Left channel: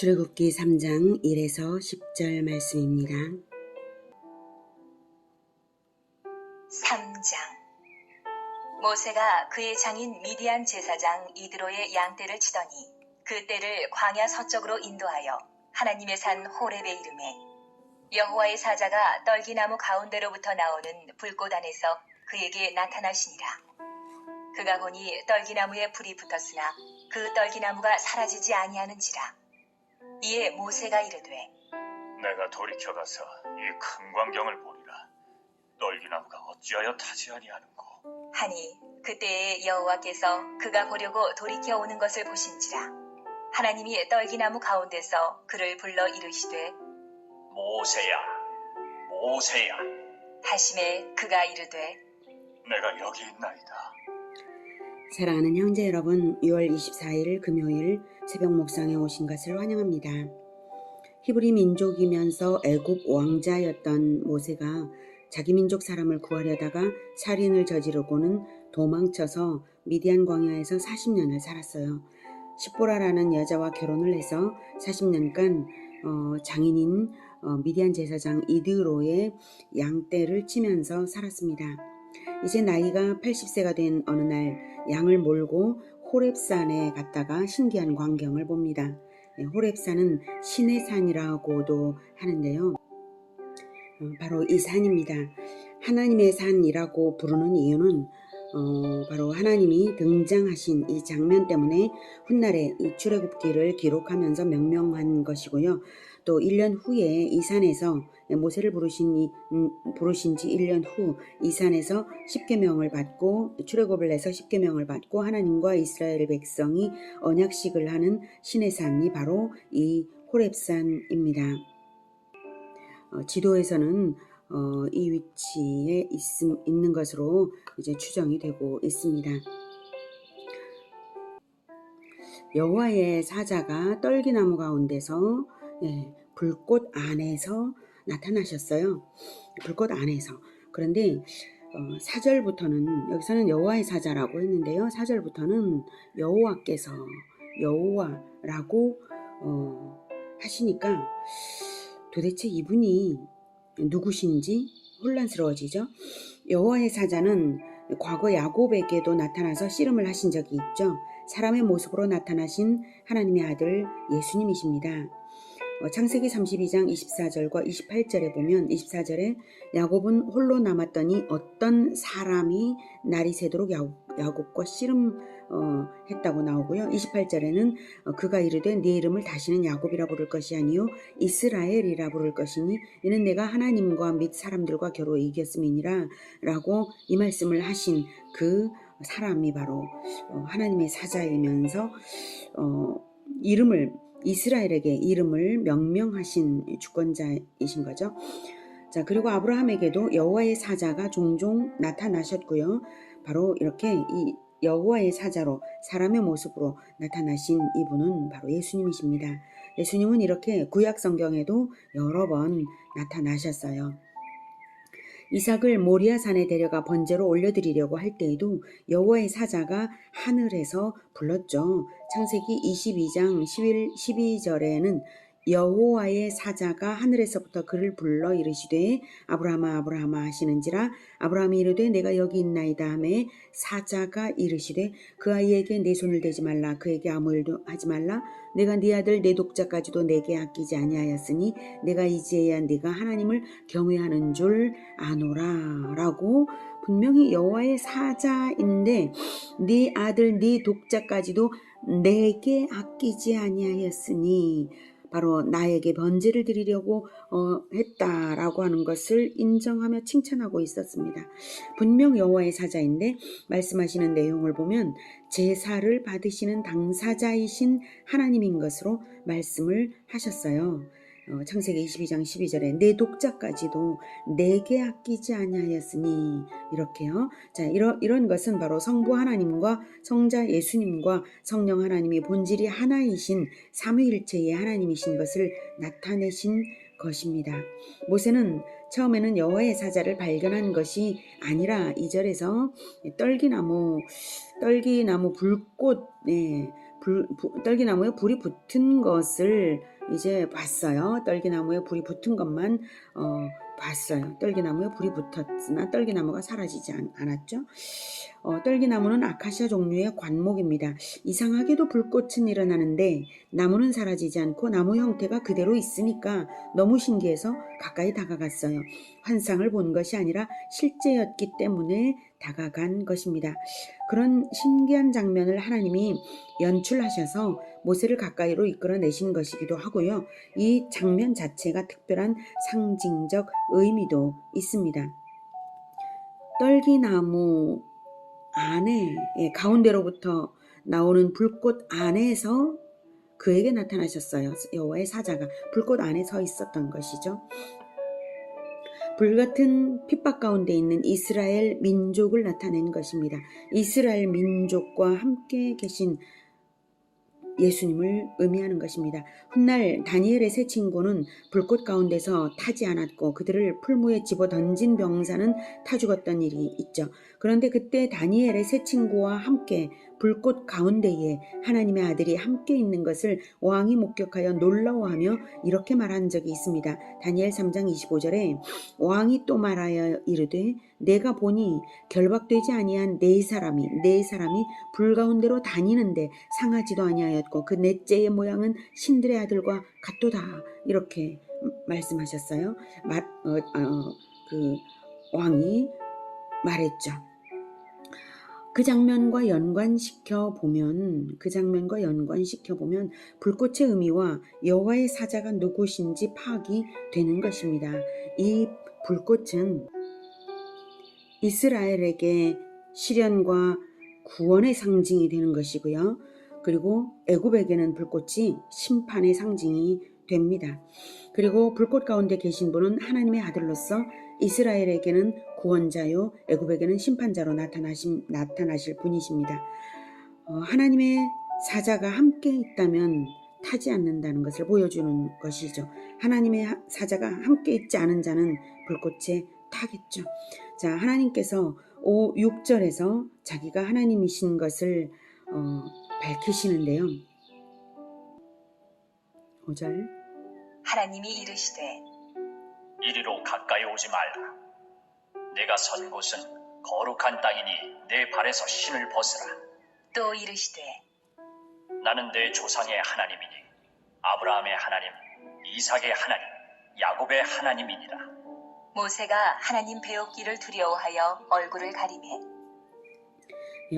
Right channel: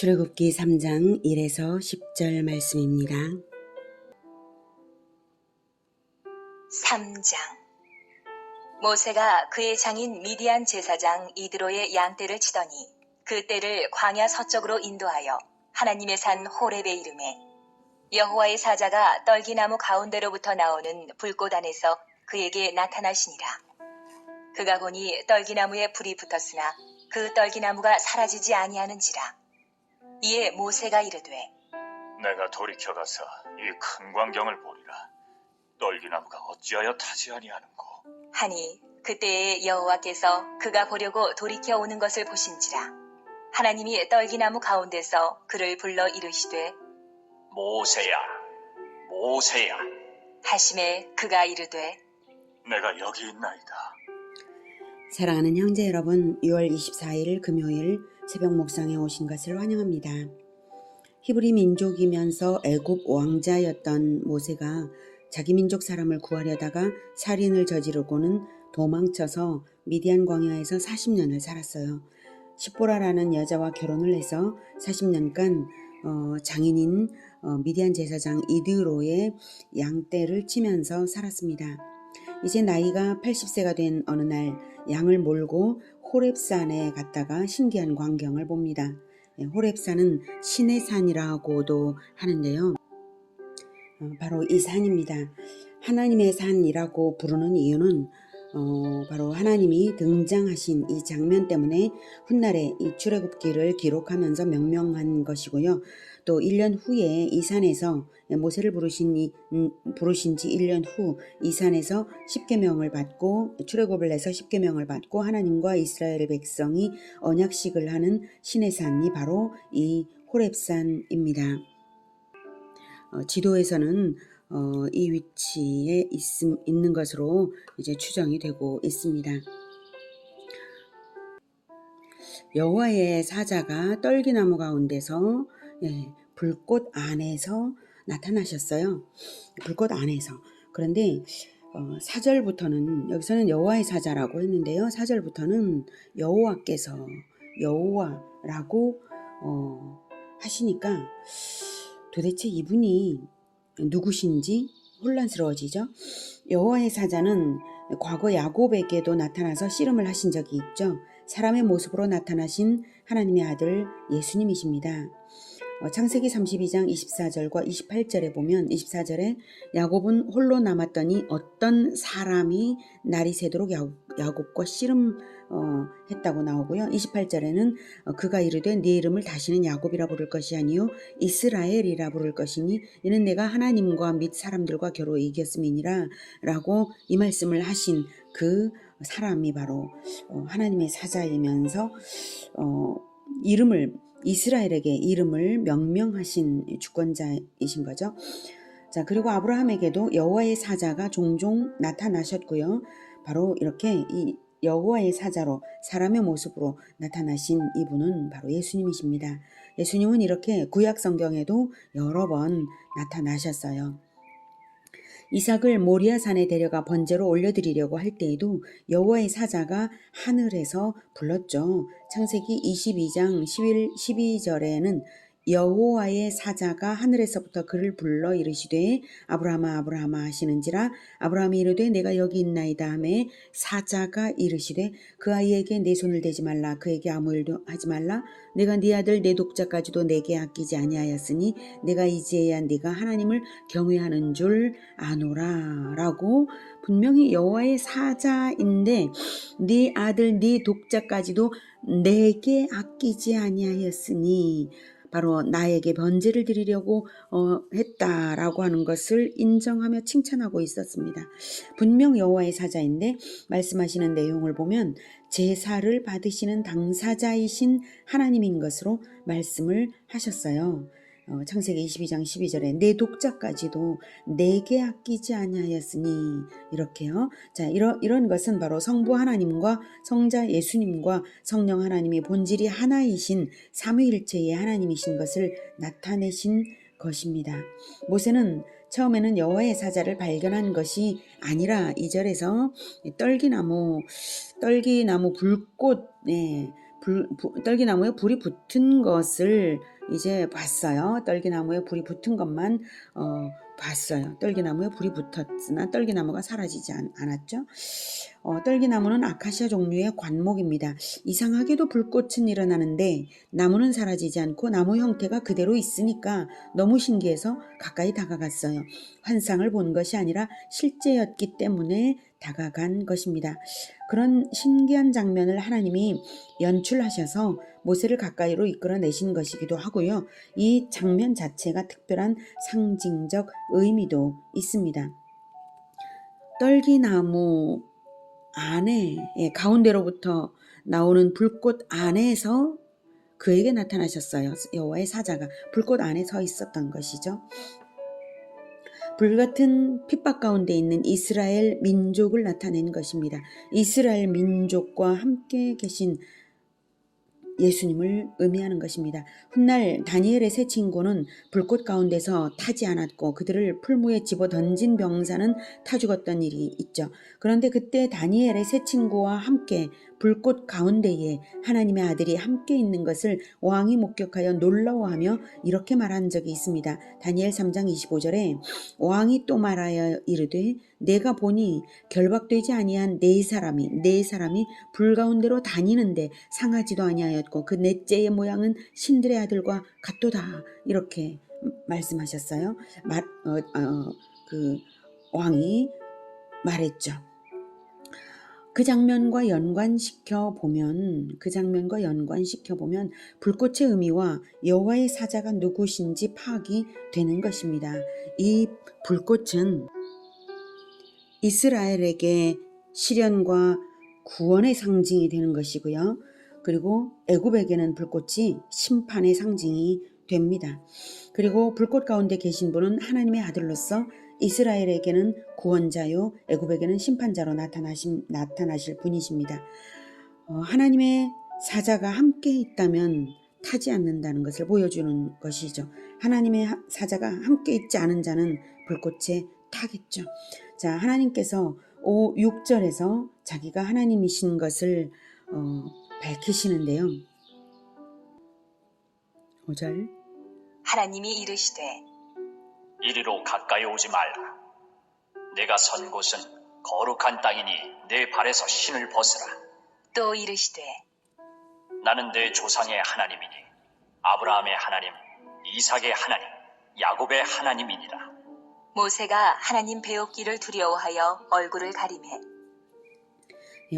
출애굽기 3장 1에서 10절 말씀입니다. 3장. 모세가 그의 장인 미디안 제사장 이드로의 양떼를 치더니 그 떼를 광야 서쪽으로 인도하여 하나님의 산 호렙에 이르매 여호와의 사자가 떨기나무 가운데로부터 나오는 불꽃 안에서 그에게 나타나시니라. 그가 보니 떨기나무에 불이 붙었으나 그 떨기나무가 사라지지 아니하는지라. 이에 모세가 이르되 내가 돌이켜가서 이 큰 광경을 보리라. 떨기나무가 어찌하여 타지 아니하는고. 하니 그때에 여호와께서 그가 보려고 돌이켜 오는 것을 보신지라. 하나님이 떨기나무 가운데서 그를 불러 이르시되 모세야, 모세야. 하심에 그가 이르되 내가 여기 있나이다. 사랑하는 형제 여러분, 6월 24일 금요일 새벽 묵상에 오신 것을 환영합니다. 히브리 민족이면서 애굽 왕자였던 모세가 자기 민족 사람을 구하려다가 살인을 저지르고는 도망쳐서 미디안 광야에서 40년을 살았어요. 십보라라는 여자와 결혼을 해서 40년간 장인인 미디안 제사장 이드로의 양떼를 치면서 살았습니다. 이제 나이가 80세가 된 어느 날 양을 몰고 호렙산에 갔다가 신기한 광경을 봅니다. 호렙산은 신의 산이라고도 하는데요. 바로 이 산입니다. 하나님의 산이라고 부르는 이유는 바로 하나님이 등장하신 이 장면 때문에 훗날에 이 출애굽기를 기록하면서 명명한 것이고요. 또 1년 후에 이 산에서 모세를 부르신 지 1년 후 이 산에서 십계명을 받고 출애굽을 해서 십계명을 받고 하나님과 이스라엘 백성이 언약식을 하는 신의 산이 바로 이 호렙산입니다. 지도에서는 이 위치에 있는 것으로 이제 추정이 되고 있습니다. 여호와의 사자가 떨기나무 가운데서 불꽃 안에서 나타나셨어요. 불꽃 안에서. 그런데 4절부터는 여기서는 여호와의 사자라고 했는데요. 4절부터는 여호와께서 여호와라고 하시니까 도대체 이분이 누구신지 혼란스러워지죠. 여호와의 사자는 과거 야곱에게도 나타나서 씨름을 하신 적이 있죠. 사람의 모습으로 나타나신 하나님의 아들 예수님이십니다. 창세기 32장 24절과 28절에 보면 24절에 야곱은 홀로 남았더니 어떤 사람이 날이 새도록 야곱과 씨름했다고 나오고요. 28절에는 그가 이르되 네 이름을 다시는 야곱이라 부를 것이 아니요 이스라엘이라 부를 것이니 이는 내가 하나님과 및 사람들과 겨루 이겼음이니라 라고 이 말씀을 하신 그 사람이 바로 하나님의 사자이면서 이스라엘에게 이름을 명명하신 주권자이신 거죠. 자, 그리고 아브라함에게도 여호와의 사자가 종종 나타나셨고요. 바로 이렇게 이 여호와의 사자로 사람의 모습으로 나타나신 이분은 바로 예수님이십니다. 예수님은 이렇게 구약 성경에도 여러 번 나타나셨어요. 이삭을 모리아산에 데려가 번제로 올려드리려고 할 때에도 여호와의 사자가 하늘에서 불렀죠. 창세기 22장 12절에는 여호와의 사자가 하늘에서부터 그를 불러 이르시되 아브라함아 아브라함아 하시는지라 아브라함이 이르되 내가 여기 있나이다 하매 사자가 이르시되 그 아이에게 내 손을 대지 말라 그에게 아무 일도 하지 말라 내가 네 아들 내 독자까지도 내게 아끼지 아니하였으니 내가 이제야 네가 하나님을 경외하는 줄 아노라 라고 분명히 여호와의 사자인데 네 아들 네 독자까지도 내게 아끼지 아니하였으니 바로 나에게 번제를 드리려고 했다라고 하는 것을 인정하며 칭찬하고 있었습니다. 분명 여호와의 사자인데 말씀하시는 내용을 보면 제사를 받으시는 당사자이신 하나님인 것으로 말씀을 하셨어요. 창세기 22장 12절에 내 독자까지도 내게 아끼지 아니하였으니 이렇게요. 자, 이런 것은 바로 성부 하나님과 성자 예수님과 성령 하나님의 본질이 하나이신 삼위일체의 하나님이신 것을 나타내신 것입니다. 모세는 처음에는 여호와의 사자를 발견한 것이 아니라 2절에서 떨기나무 불꽃 떨기나무에 불이 붙은 것을 이제 봤어요. 떨기나무에 불이 붙은 것만 봤어요. 떨기나무에 불이 붙었으나 떨기나무가 사라지지 않았죠. 떨기나무는 아카시아 종류의 관목입니다. 이상하게도 불꽃은 일어나는데 나무는 사라지지 않고 나무 형태가 그대로 있으니까 너무 신기해서 가까이 다가갔어요. 환상을 본 것이 아니라 실제였기 때문에 다가간 것입니다. 그런 신기한 장면을 하나님이 연출하셔서 모세를 가까이로 이끌어내신 것이기도 하고요. 이 장면 자체가 특별한 상징적 의미도 있습니다. 떨기나무 안에 가운데로부터 나오는 불꽃 안에서 그에게 나타나셨어요. 여호와의 사자가 불꽃 안에 서 있었던 것이죠. 불같은 핍박 가운데 있는 이스라엘 민족을 나타낸 것입니다. 이스라엘 민족과 함께 계신 예수님을 의미하는 것입니다. 훗날 다니엘의 세 친구는 불꽃 가운데서 타지 않았고 그들을 풀무에 집어 던진 병사는 타 죽었던 일이 있죠. 그런데 그때 다니엘의 세 친구와 함께 불꽃 가운데에 하나님의 아들이 함께 있는 것을 왕이 목격하여 놀라워하며 이렇게 말한 적이 있습니다. 다니엘 3장 25절에 왕이 또 말하여 이르되 내가 보니 결박되지 아니한 네 사람이 불 가운데로 다니는데 상하지도 아니하였고 그 넷째의 모양은 신들의 아들과 같도다. 이렇게 말씀하셨어요. 그 왕이 말했죠. 그 장면과 연관시켜 보면 불꽃의 의미와 여호와의 사자가 누구신지 파악이 되는 것입니다. 이 불꽃은 이스라엘에게 시련과 구원의 상징이 되는 것이고요. 그리고 애굽에게는 불꽃이 심판의 상징이 됩니다. 그리고 불꽃 가운데 계신 분은 하나님의 아들로서 이스라엘에게는 구원자요 애굽에게는 심판자로 나타나실 분이십니다. 하나님의 사자가 함께 있다면 타지 않는다는 것을 보여주는 것이죠. 하나님의 사자가 함께 있지 않은 자는 불꽃에 타겠죠. 자, 하나님께서 6절에서 자기가 하나님이신 것을 밝히시는데요. 5절 하나님이 이르시되 이리로 가까이 오지 말라. 내가 선 곳은 거룩한 땅이니 내 발에서 신을 벗으라. 또 이르시되 나는 내 조상의 하나님이니 아브라함의 하나님, 이삭의 하나님, 야곱의 하나님이니라. 모세가 하나님 배우기를 두려워하여 얼굴을 가리매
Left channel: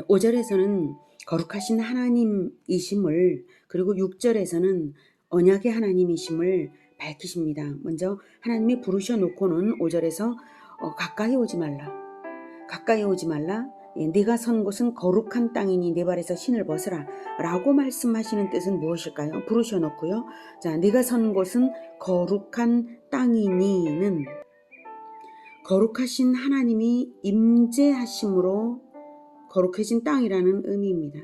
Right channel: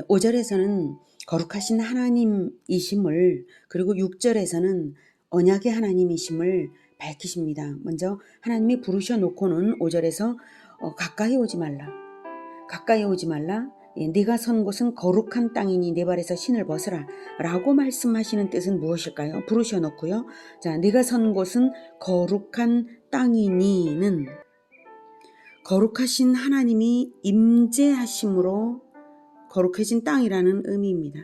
5절에서는 거룩하신 하나님이심을 그리고 6절에서는 언약의 하나님이심을 밝히십니다. 먼저 하나님이 부르셔 놓고는 5절에서 가까이 오지 말라. 네가 선 곳은 거룩한 땅이니 내 발에서 신을 벗으라 라고 말씀하시는 뜻은 무엇일까요? 부르셔 놓고요. 자, 네가 선 곳은 거룩한 땅이니는 거룩하신 하나님이 임재하심으로 거룩해진 땅이라는 의미입니다.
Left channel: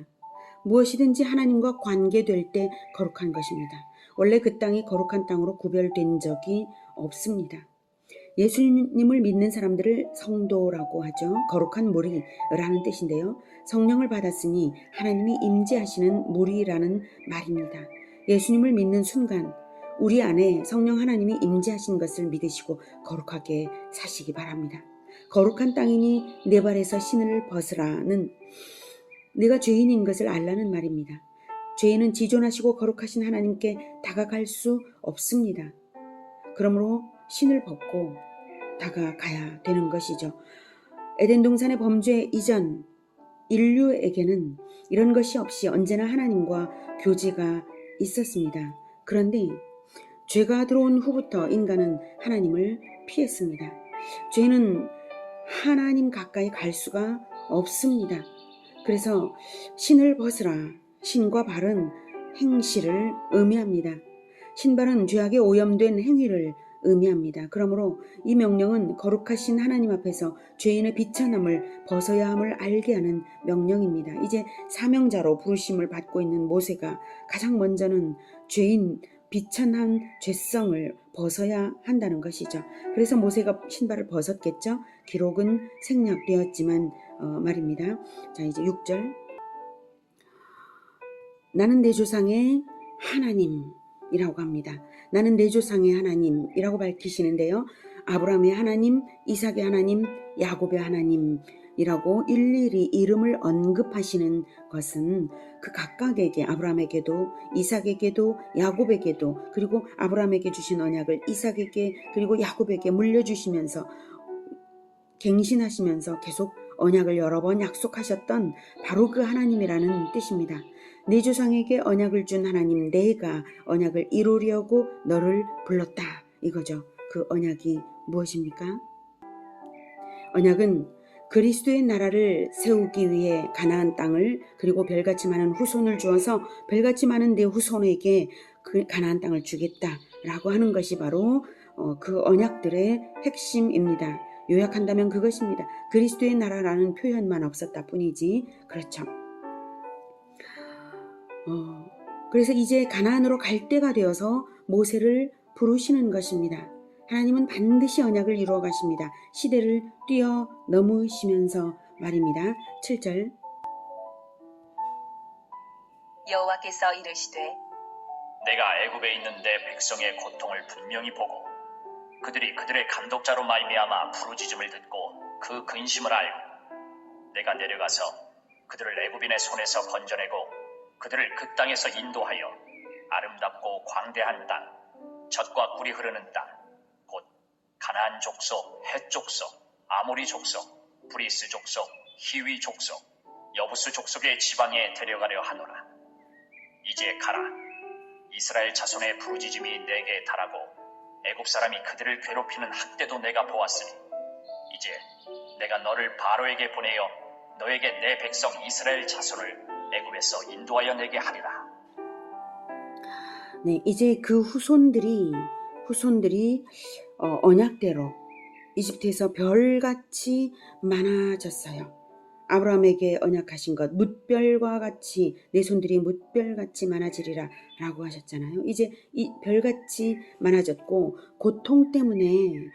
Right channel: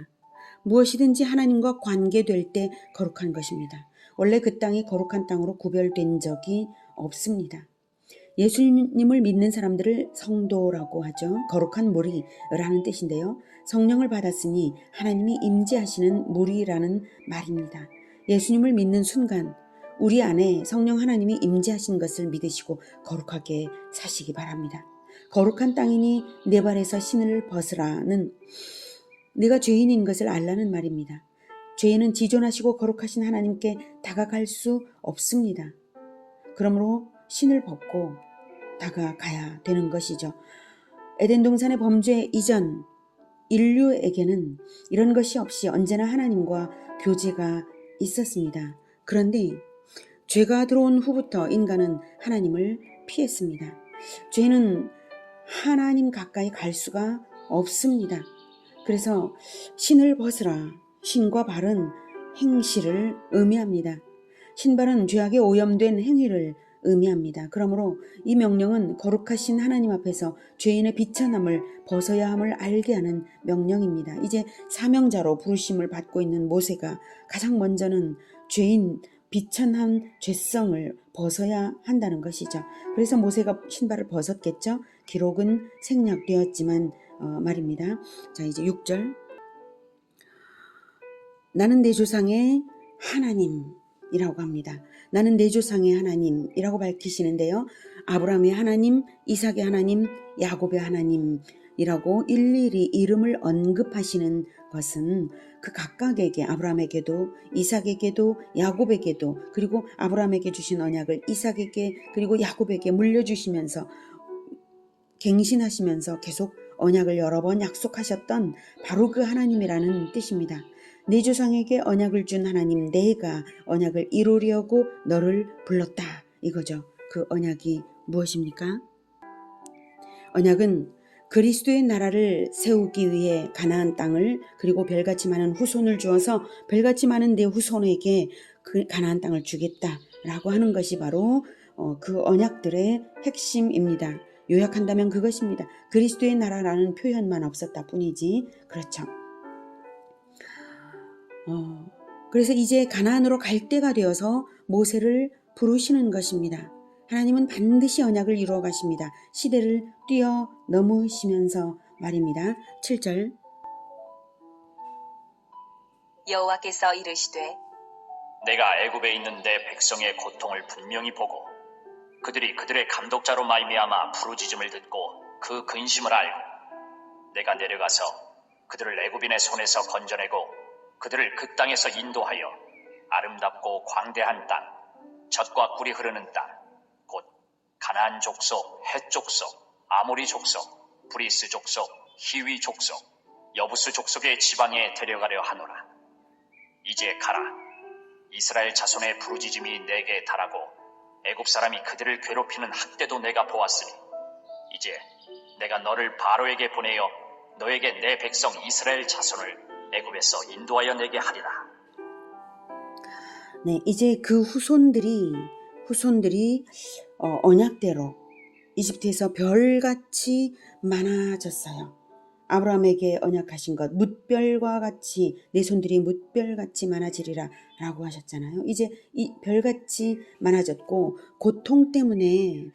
무엇이든지 하나님과 관계될 때 거룩한 것입니다. 원래 그 땅이 거룩한 땅으로 구별된 적이 없습니다. 예수님을 믿는 사람들을 성도라고 하죠. 거룩한 무리라는 뜻인데요. 성령을 받았으니 하나님이 임재하시는 무리라는 말입니다. 예수님을 믿는 순간 우리 안에 성령 하나님이 임재하신 것을 믿으시고 거룩하게 사시기 바랍니다. 거룩한 땅이니 내 발에서 신을 벗으라는 네가 죄인인 것을 알라는 말입니다. 죄인은 지존하시고 거룩하신 하나님께 다가갈 수 없습니다. 그러므로 신을 벗고 다가가야 되는 것이죠. 에덴 동산의 범죄 이전 인류에게는 이런 것이 없이 언제나 하나님과 교제가 있었습니다. 그런데 죄가 들어온 후부터 인간은 하나님을 피했습니다. 죄는 하나님 가까이 갈 수가 없습니다. 그래서 신을 벗으라. 신과 발은 행실을 의미합니다. 신발은 죄악에 오염된 행위를 의미합니다. 그러므로 이 명령은 거룩하신 하나님 앞에서 죄인의 비천함을 벗어야 함을 알게 하는 명령입니다. 이제 사명자로 부르심을 받고 있는 모세가 가장 먼저는 죄인 비천한 죄성을 벗어야 한다는 것이죠. 그래서 모세가 신발을 벗었겠죠. 기록은 생략되었지만 말입니다. 자, 이제 6절 나는 내 조상의 하나님이라고 합니다. 나는 내 조상의 하나님이라고 밝히시는데요. 아브라함의 하나님, 이삭의 하나님, 야곱의 하나님이라고 일일이 이름을 언급하시는 것은 그 각각에게, 아브라함에게도 이삭에게도 야곱에게도, 그리고 아브라함에게 주신 언약을 이삭에게 그리고 야곱에게 물려주시면서 갱신하시면서 계속 언약을 여러 번 약속하셨던 바로 그 하나님이라는 뜻입니다. 내 조상에게 언약을 준 하나님, 내가 언약을 이루려고 너를 불렀다, 이거죠. 그 언약이 무엇입니까? 언약은 그리스도의 나라를 세우기 위해 가나안 땅을, 그리고 별같이 많은 후손을 주어서 별같이 많은 내 후손에게 그 가나안 땅을 주겠다라고 하는 것이 바로 그 언약들의 핵심입니다. 요약한다면 그것입니다. 그리스도의 나라라는 표현만 없었다 뿐이지. 그렇죠. 그래서 이제 가나안으로 갈 때가 되어서 모세를 부르시는 것입니다. 하나님은 반드시 언약을 이루어 가십니다. 시대를 뛰어넘으시면서 말입니다. 7절. 여호와께서 이르시되 내가 애굽에 있는 내 백성의 고통을 분명히 보고 그들이 그들의 감독자로 말미암아 부르짖음을 듣고 그 근심을 알고 내가 내려가서 그들을 애굽인의 손에서 건져내고 그들을 그 땅에서 인도하여 아름답고 광대한 땅, 젖과 꿀이 흐르는 땅, 곧 가나안 족속, 헷 족속, 아모리 족속, 브리스 족속, 히위 족속, 여부스 족속의 지방에 데려가려 하노라. 이제 가라. 이스라엘 자손의 부르짖음이 내게 달하고 애굽 사람이 그들을 괴롭히는 학대도 내가 보았으니 이제 내가 너를 바로에게 보내어 너에게 내 백성 이스라엘 자손을 애굽에서 인도하여 내게 하리라. 네, 이제 그 후손들이 언약대로 이집트에서 별같이 많아졌어요. 아브라함에게 언약하신 것, 뭇별과 같이 내 손들이 뭇별같이 많아지리라 라고 하셨잖아요. 이제 이 별같이 많아졌고 고통 때문에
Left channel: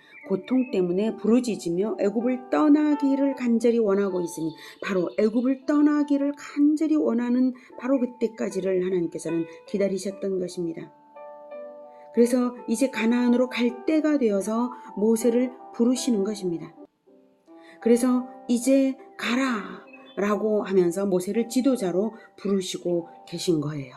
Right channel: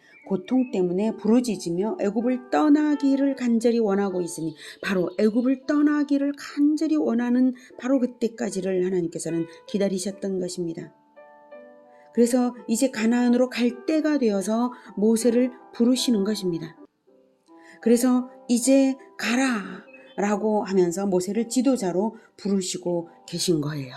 부르짖으며 애굽을 떠나기를 간절히 원하고 있으니 바로 애굽을 떠나기를 간절히 원하는 바로 그때까지를 하나님께서는 기다리셨던 것입니다. 그래서 이제 가나안으로 갈 때가 되어서 모세를 부르시는 것입니다. 그래서 이제 가라 라고 하면서 모세를 지도자로 부르시고 계신 거예요.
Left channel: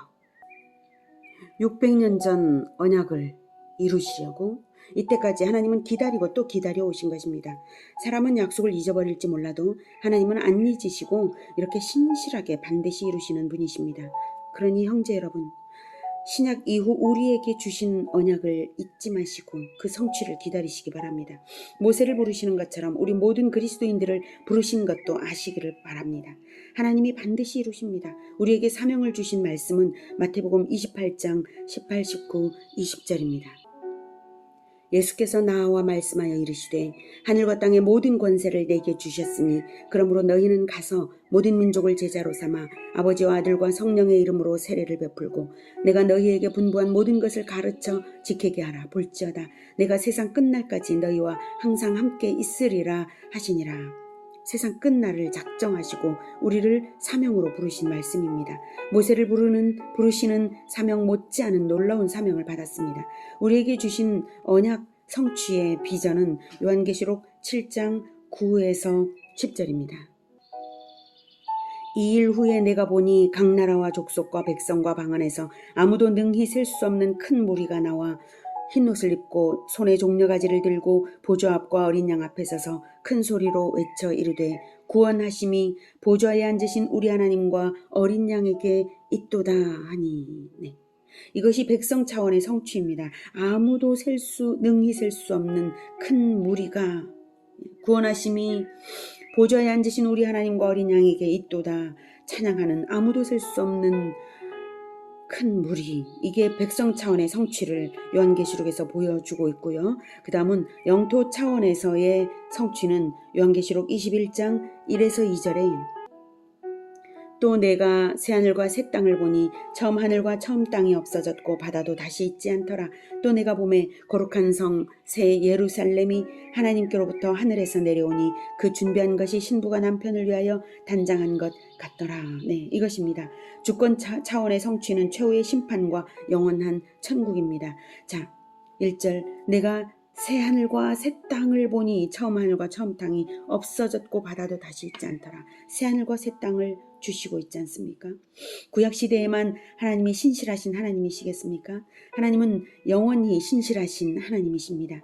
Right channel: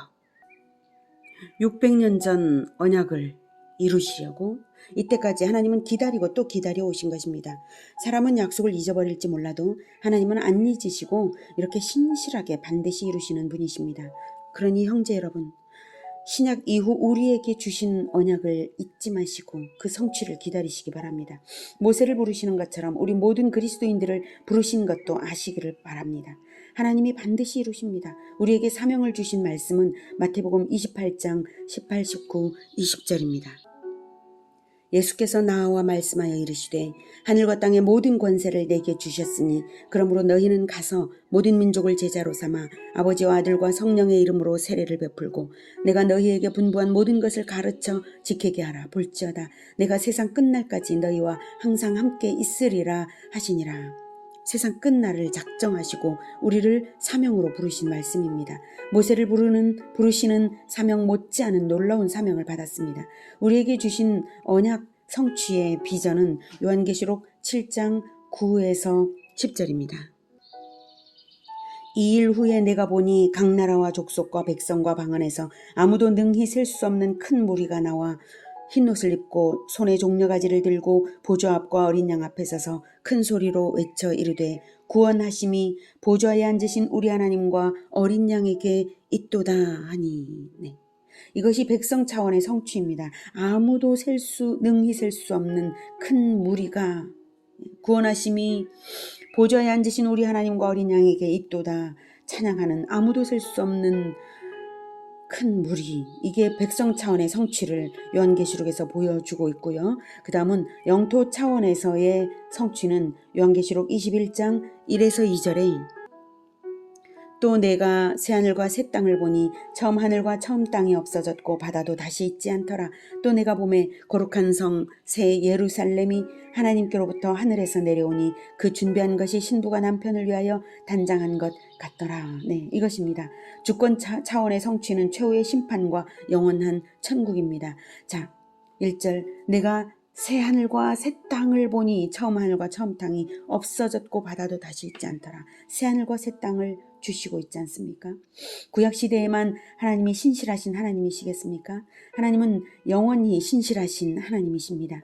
600년 전 언약을 이루시려고 이때까지 하나님은 기다리고 또 기다려 오신 것입니다. 사람은 약속을 잊어버릴지 몰라도 하나님은 안 잊으시고 이렇게 신실하게 반드시 이루시는 분이십니다. 그러니 형제 여러분, 신약 이후 우리에게 주신 언약을 잊지 마시고 그 성취를 기다리시기 바랍니다. 모세를 부르시는 것처럼 우리 모든 그리스도인들을 부르신 것도 아시기를 바랍니다. 하나님이 반드시 이루십니다. 우리에게 사명을 주신 말씀은 마태복음 28장 18, 19, 20절입니다. 예수께서 나와 말씀하여 이르시되 하늘과 땅의 모든 권세를 내게 주셨으니 그러므로 너희는 가서 모든 민족을 제자로 삼아 아버지와 아들과 성령의 이름으로 세례를 베풀고 내가 너희에게 분부한 모든 것을 가르쳐 지키게 하라. 볼지어다 내가 세상 끝날까지 너희와 항상 함께 있으리라 하시니라. 세상 끝날을 작정하시고 우리를 사명으로 부르신 말씀입니다. 모세를 부르시는 사명 못지않은 놀라운 사명을 받았습니다. 우리에게 주신 언약 성취의 비전은 요한계시록 7장 9에서 10절입니다. 이 일 후에 내가 보니 각 나라와 족속과 백성과 방언에서 아무도 능히 셀 수 없는 큰 무리가 나와 흰옷을 입고 손에 종려가지를 들고 보좌 앞과 어린 양 앞에 서서 큰 소리로 외쳐 이르되 구원하심이 보좌에 앉으신 우리 하나님과 어린 양에게 있도다 하니. 네. 이것이 백성 차원의 성취입니다. 아무도 능히 셀 수 없는 큰 무리가 구원하심이 보좌에 앉으신 우리 하나님과 어린 양에게 있도다 찬양하는 아무도 셀 수 없는 큰 무리, 이게 백성 차원의 성취를 요한계시록에서 보여주고 있고요. 그 다음은 영토 차원에서의 성취는 요한계시록 21장 1에서 2절에 또 내가 새하늘과 새 땅을 보니 처음 하늘과 처음 땅이 없어졌고 바다도 다시 있지 않더라. 또 내가 보매 거룩한 성 새 예루살렘이 하나님께로부터 하늘에서 내려오니 그 준비한 것이 신부가 남편을 위하여 단장한 것 같더라. 네, 이것입니다. 주권 차원의 성취는 최후의 심판과 영원한 천국입니다. 자, 1절 내가 새 하늘과 새 땅을 보니 처음 하늘과 처음 땅이 없어졌고 바다도 다시 있지 않더라. 새 하늘과 새 땅을 주시고 있지 않습니까? 구약시대에만 하나님이 신실하신 하나님이시겠습니까? 하나님은 영원히 신실하신 하나님이십니다.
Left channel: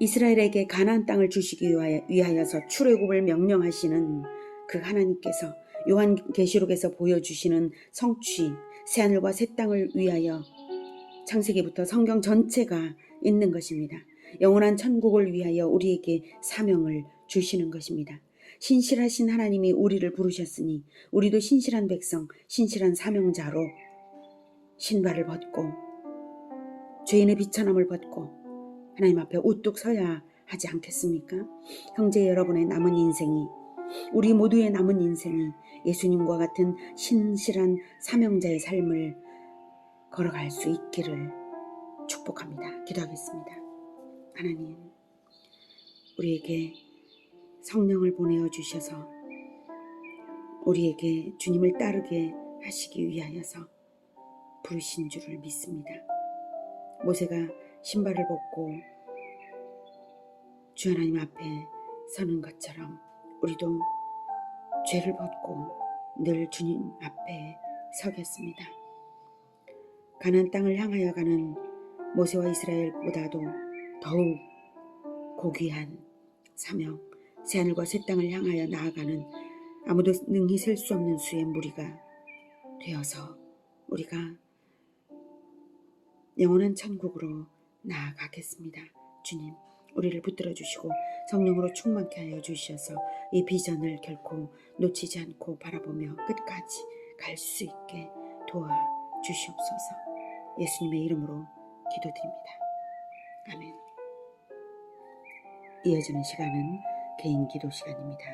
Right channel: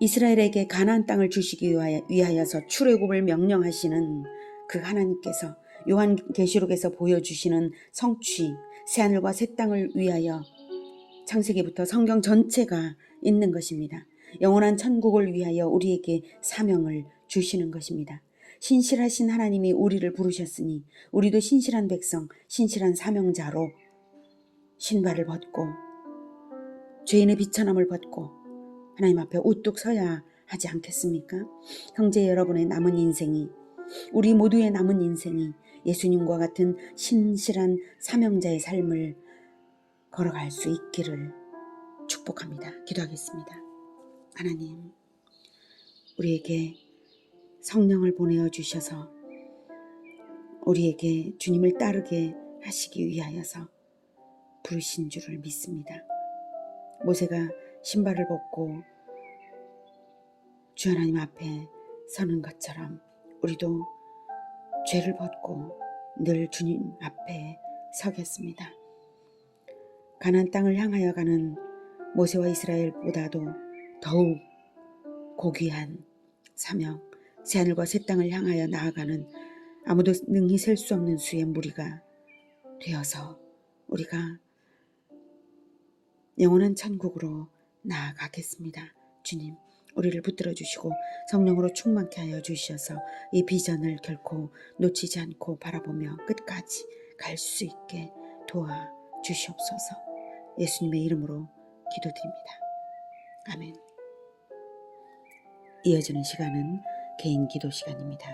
이스라엘에게 가나안 땅을 주시기 위하여서 출애굽을 명령하시는 그 하나님께서 요한계시록에서 보여주시는 성취, 새하늘과 새 땅을 위하여 창세기부터 성경 전체가 있는 것입니다. 영원한 천국을 위하여 우리에게 사명을 주시는 것입니다. 신실하신 하나님이 우리를 부르셨으니 우리도 신실한 백성, 신실한 사명자로 신발을 벗고 죄인의 비천함을 벗고 하나님 앞에 우뚝 서야 하지 않겠습니까? 형제 여러분의 남은 인생이, 우리 모두의 남은 인생이 예수님과 같은 신실한 사명자의 삶을 걸어갈 수 있기를 축복합니다. 기도하겠습니다. 하나님, 우리에게 성령을 보내어 주셔서 우리에게 주님을 따르게 하시기 위하여서 부르신 줄을 믿습니다. 모세가 신발을 벗고 주 하나님 앞에 서는 것처럼 우리도 죄를 벗고 늘 주님 앞에 서겠습니다. 가나안 땅을 향하여 가는 모세와 이스라엘보다도 더욱 고귀한 사명, 새하늘과 새 땅을 향하여 나아가는 아무도 능히 셀 수 없는 수의 무리가 되어서 우리가 영원한 천국으로 나아가겠습니다. 주님, 우리를 붙들어 주시고 성령으로 충만케 하여 주셔서 이 비전을 결코 놓치지 않고 바라보며 끝까지 갈 수 있게 도와주시옵소서. 예수님의 이름으로 기도드립니다. 아멘. 이어지는 시간은 개인 기도 시간입니다.